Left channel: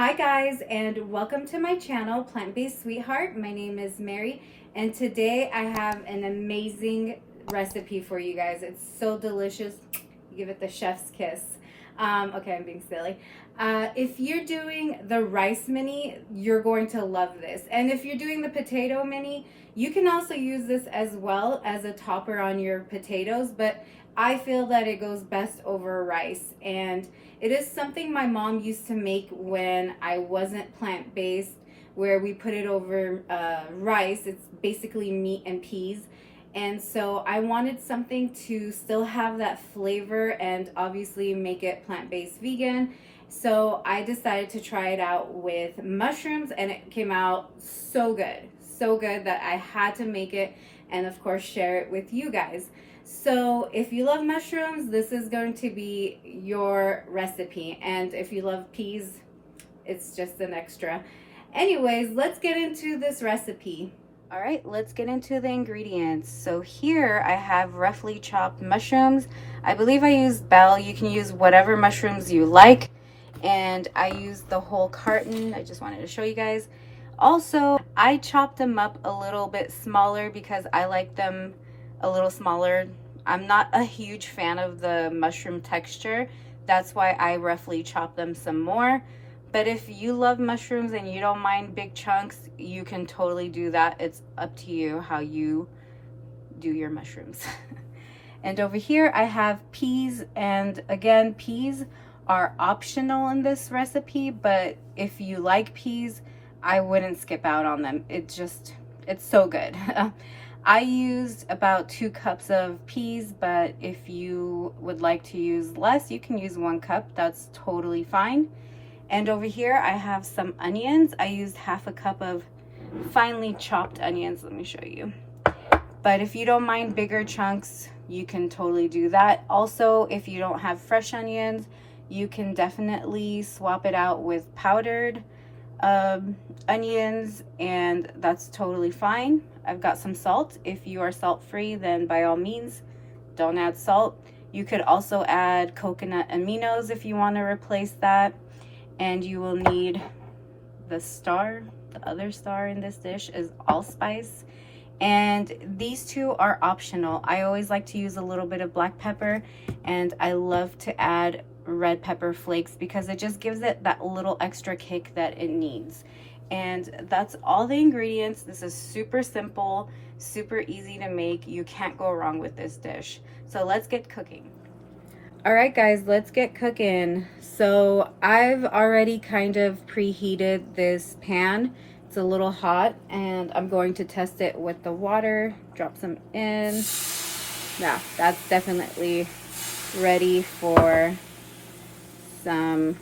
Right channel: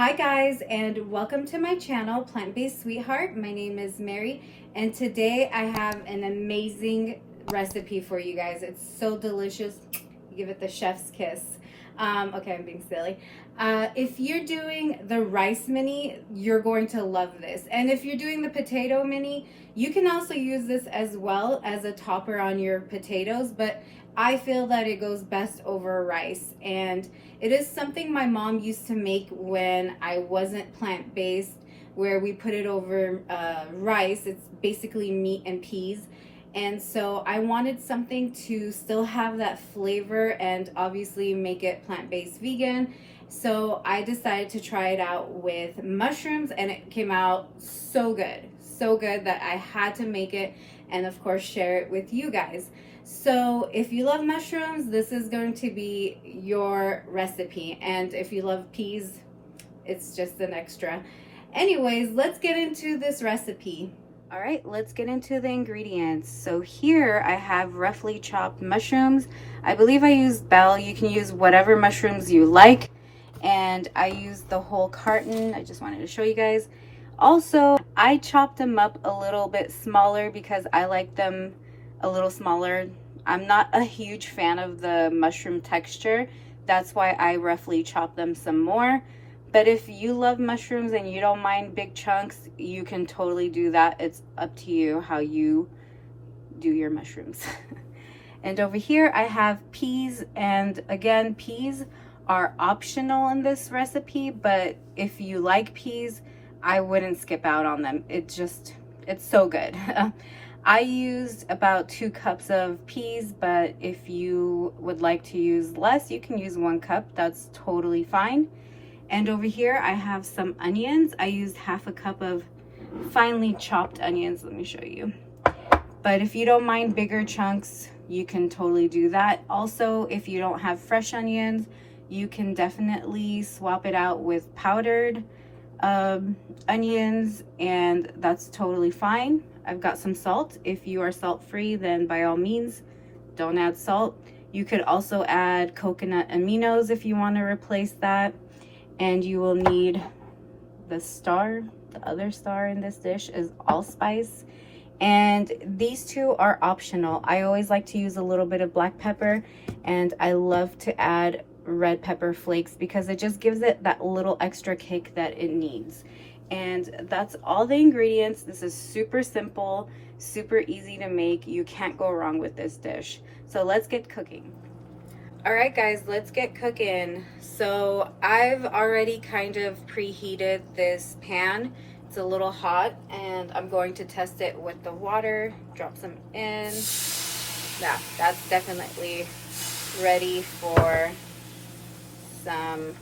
Hi guys, and welcome to my channel, Plant-Based Sweetheart. My name is Mary, and today I have an amazing recipe for you guys. It's so delicious. You give it the chef's kiss. Okay, I'm being silly. If you're doing the rice mini, you're going to love this. And if you're doing the potato mini, you can also use this as well as a topper on your potatoes, but I feel that it goes best over rice. And it is something my mom used to make when I wasn't plant-based, where we put it over rice. It's basically meat and peas. And so I wanted something to still have that flavor and obviously make it plant-based vegan. So I decided to try it out with mushrooms, and it came out so good. So good that I had to make it and of course share it with you guys. So if you love mushrooms, this is going to be your recipe. And if you love peas, it's just an extra. Anyways, let's get into this recipe. All right, let's get into the ingredients. So here I have roughly chopped mushrooms. I believe I used bell. You can use whatever mushrooms you like. And I used the whole carton. I just wanted to show you guys. Also, I chopped them up a little bit smaller because I like them a little smaller. I'm not a huge fan of the mushroom texture. That's why I roughly chop them some more. But if you love mushrooms and you don't mind big chunks, you can totally do that. It's up to you how you do your mushrooms. And over here I have peas, and again, peas are optional in this recipe, but if you like peas, I wouldn't skip out on them. It's so good. I used about 2 cups of peas, but if you would like to use less, you can use 1 cup. That's totally fine. And over here I have some onions. I used half a cup of finely chopped onions. Let me show you. But if you don't mind bigger chunks, you can totally do that. Also, if you don't have fresh onions, you can definitely swap it out with powdered onions, and that's totally fine. I've got some salt. If you are salt free, then by all means don't add salt. You could also add coconut aminos if you want to replace that. And you will need the star. The other star in this dish is allspice, and these two are optional. I always like to use a little bit of black pepper, and I love to add red pepper flakes because it just gives it that little extra kick that it needs. And that's all the ingredients. This is super simple, super easy to make. You can't go wrong with this dish. So let's get cooking. All right guys, let's get cooking. So I've already kind of preheated this pan. It's a little hot, and I'm going to test it with the water. Drop some in. Now that's definitely ready for some,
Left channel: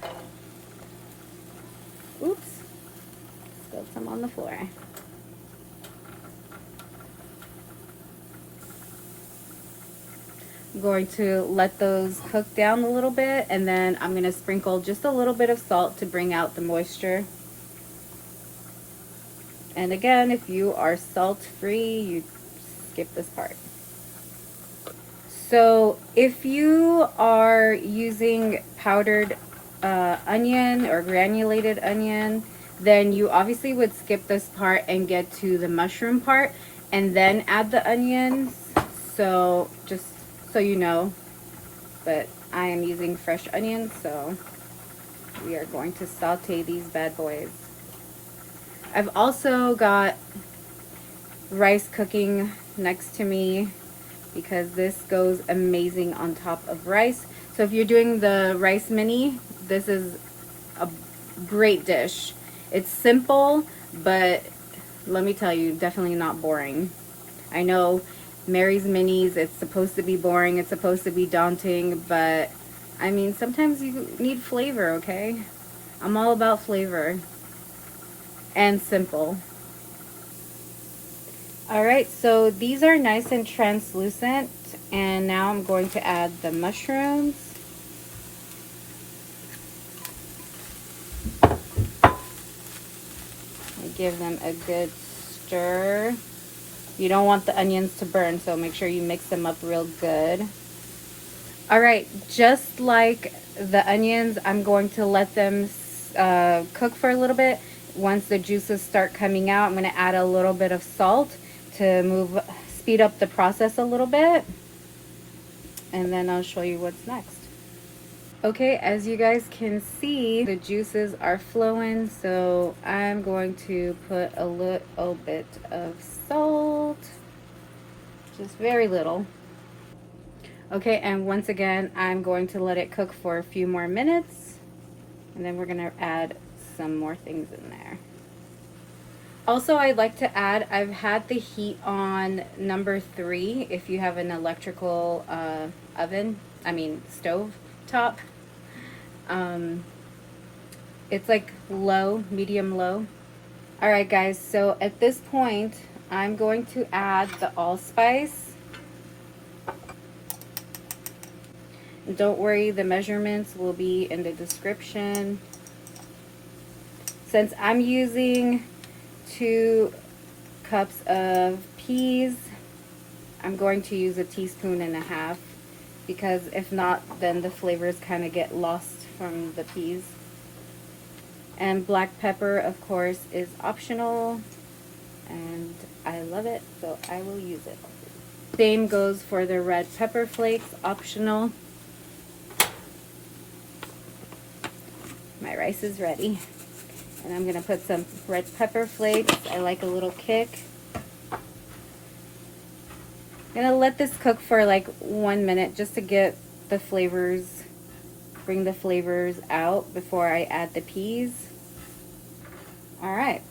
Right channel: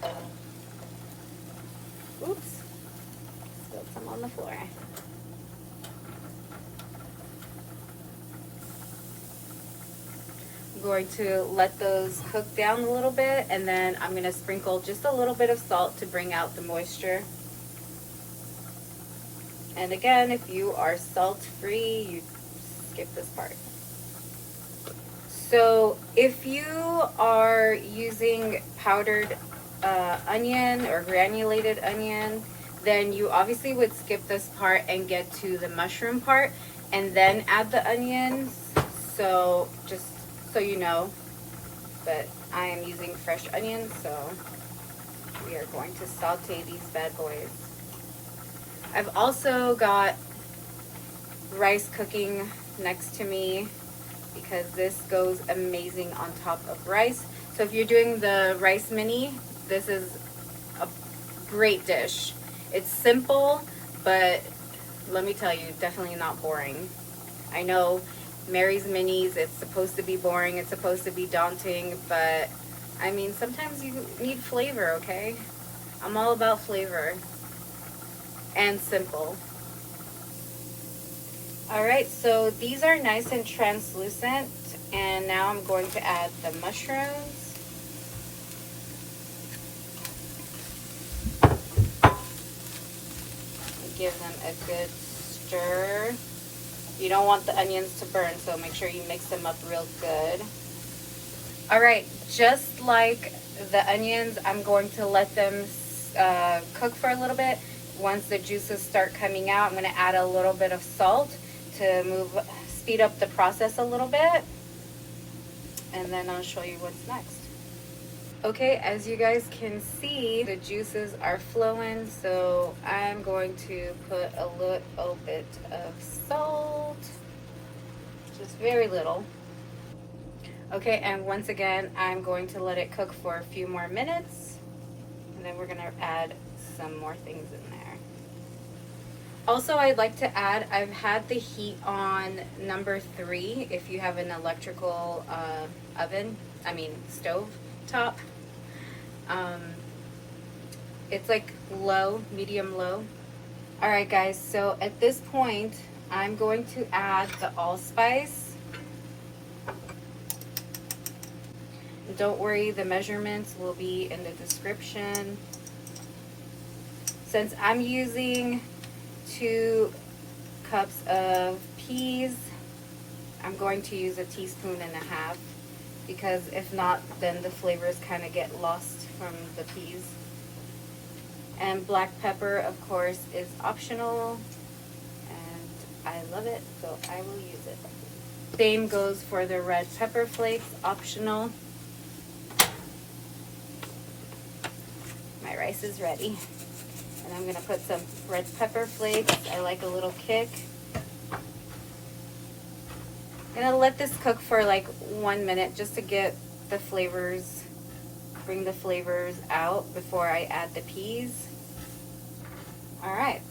oops, spilled some on the floor. I'm going to let those cook down a little bit, and then I'm going to sprinkle just a little bit of salt to bring out the moisture. And again, if you are salt free, you skip this part. So if you are using powdered onion or granulated onion, then you obviously would skip this part and get to the mushroom part and then add the onions. So just so you know, but I am using fresh onions, so we are going to saute these bad boys. I've also got rice cooking next to me because this goes amazing on top of rice. So if you're doing the rice mini, this is a great dish. It's simple, but let me tell you, definitely not boring. I know Mary's minis, it's supposed to be boring, it's supposed to be daunting, but I mean, sometimes you need flavor, okay? I'm all about flavor and simple. All right, so these are nice and translucent, and now I'm going to add the mushrooms. Give them a good stir. You don't want the onions to burn, so make sure you mix them up real good. All right, just like the onions, I'm going to let them cook for a little bit. Once the juices start coming out, I'm going to add a little bit of salt to speed up the process a little bit. And then I'll show you what's next. Okay, as you guys can see, the juices are flowing, so I'm going to put a little bit of salt, just very little. Okay, and once again, I'm going to let it cook for a few more minutes, and then we're gonna add some more things in there. Also, I'd like to add, I've had the heat on number 3 if you have an electrical stove top. It's like low, medium low. All right guys, so at this point I'm going to add the allspice. Don't worry, the measurements will be in the description. Since I'm using 2 cups of peas, I'm going to use 1.5 teaspoons, because if not, then the flavors kind of get lost from the peas. And black pepper, of course, is optional, and I love it, so I will use it. Same goes for the red pepper flakes, optional. My rice is ready, and I'm gonna put some red pepper flakes. I like a little kick. I'm gonna let this cook for like 1 minute just to get the flavors, bring the flavors out before I add the peas. All right.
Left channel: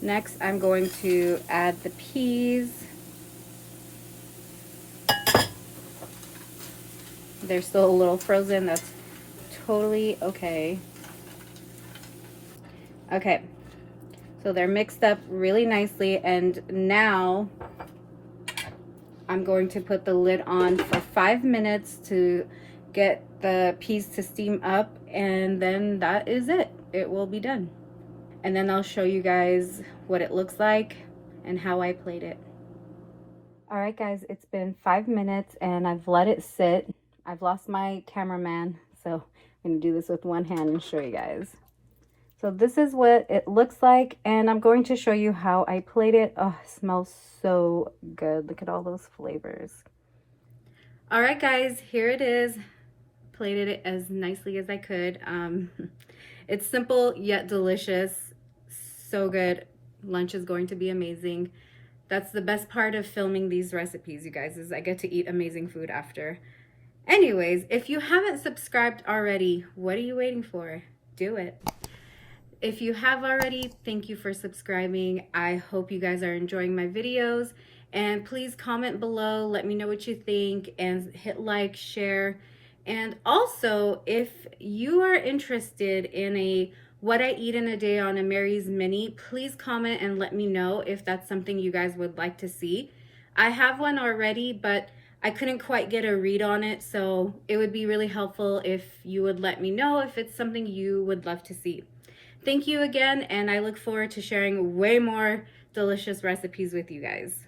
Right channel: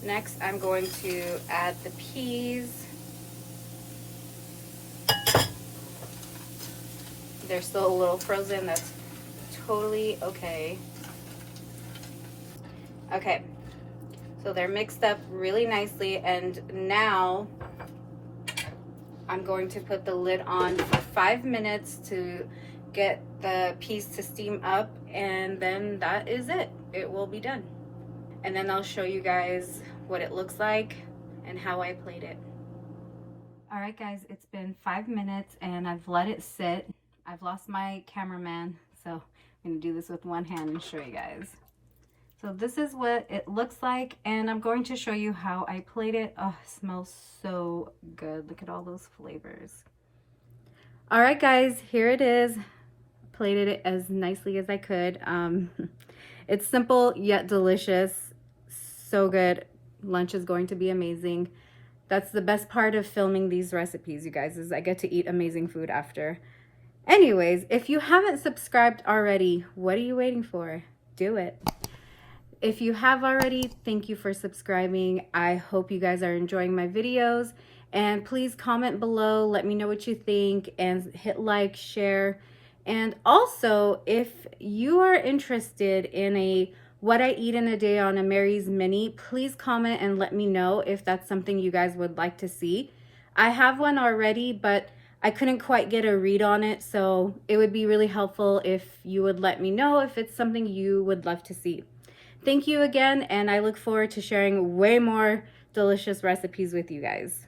Next, I'm going to add the peas. They're still a little frozen. That's totally okay. Okay, so they're mixed up really nicely, and now I'm going to put the lid on for 5 minutes to get the peas to steam up, and then that is it. It will be done. And then I'll show you guys what it looks like and how I plate it. All right guys, it's been 5 minutes and I've let it sit. I've lost my cameraman, so I'm gonna do this with one hand and show you guys. So this is what it looks like, and I'm going to show you how I plate it. Oh, it smells so good. Look at all those flavors. All right guys, here it is. Plated it as nicely as I could. It's simple yet delicious. So good. Lunch is going to be amazing. That's the best part of filming these recipes, you guys, is I get to eat amazing food after. Anyways, if you haven't subscribed already, what are you waiting for? Do it. If you have already, thank you for subscribing. I hope you guys are enjoying my videos, and please comment below, let me know what you think, and hit like, share. And also, if you are interested in a what I eat in a day on a Mary's Mini, please comment and let me know if that's something you guys would like to see. I have one already, but I couldn't quite get a read on it, so it would be really helpful if you would let me know if it's something you would love to see. Thank you again, and I look forward to sharing way more delicious recipes with you guys.